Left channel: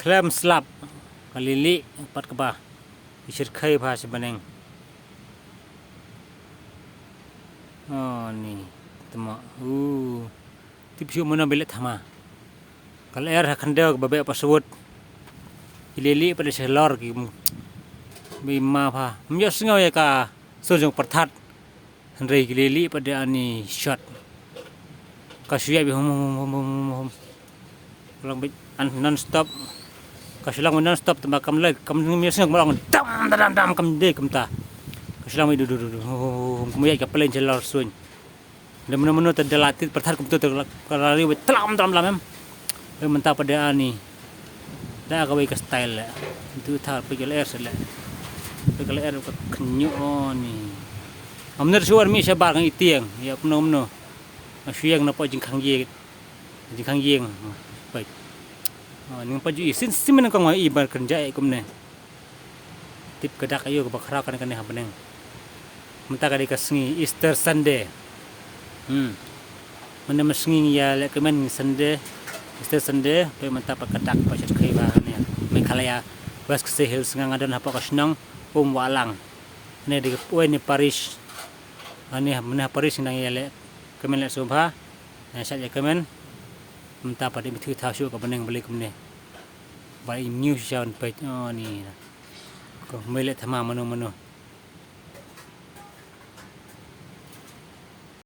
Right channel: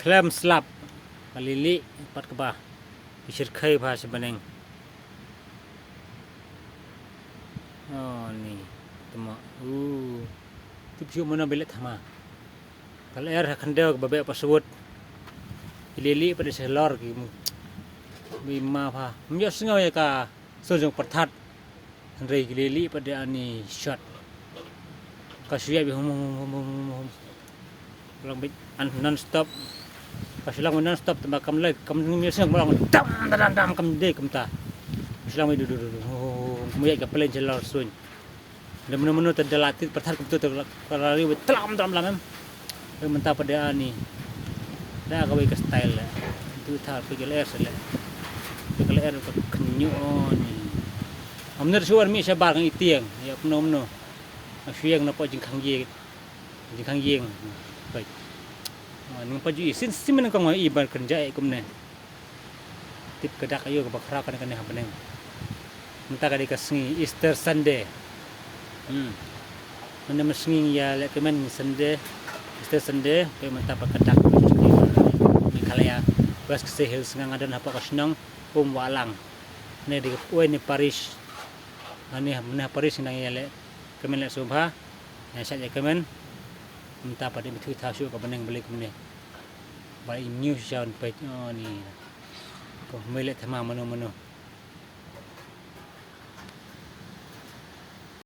Klem slap malili pat ka ba isir khai pha sebeneng. Oh ni temo tipsu mana belet thama kal air khande babe paswut ilili pada selor ki bima pha mya singaw ya ka sojong perthat handrei ilili pada ani shot kasuya bi hum lang non stop kasulang non stop tembakam lek kam mya singaw malang dam kam de kam ta kasulang mi du kemuya ka pelen selor sun dan menu-menu terdelatih perthat kum tu terlari telam lam mentah pada ani dah kawai ke style lah itu thar pegel air sela pegel air ke kenyo ni amner suar mi sabar kang itieng ya peno siang napa jingkang yeng baik ni paju sin simen kang i bar kerja kum ne tip kedak ayo ke bakra kan ha beneng mentah kali kasngi Easter Sunday mana mesngi ya lek kemen Sunday Easter Sunday pe mentah pakedak pasir kai ba me kalaya bas kesehil sengang adan apa kasnang walang ne di ni Paris ani mana Paris nang ya lek kemen lek subha saja kemen mentah pada mithu thasu ka beneng beli kemne ba news jaun pe ni ko mele thama mano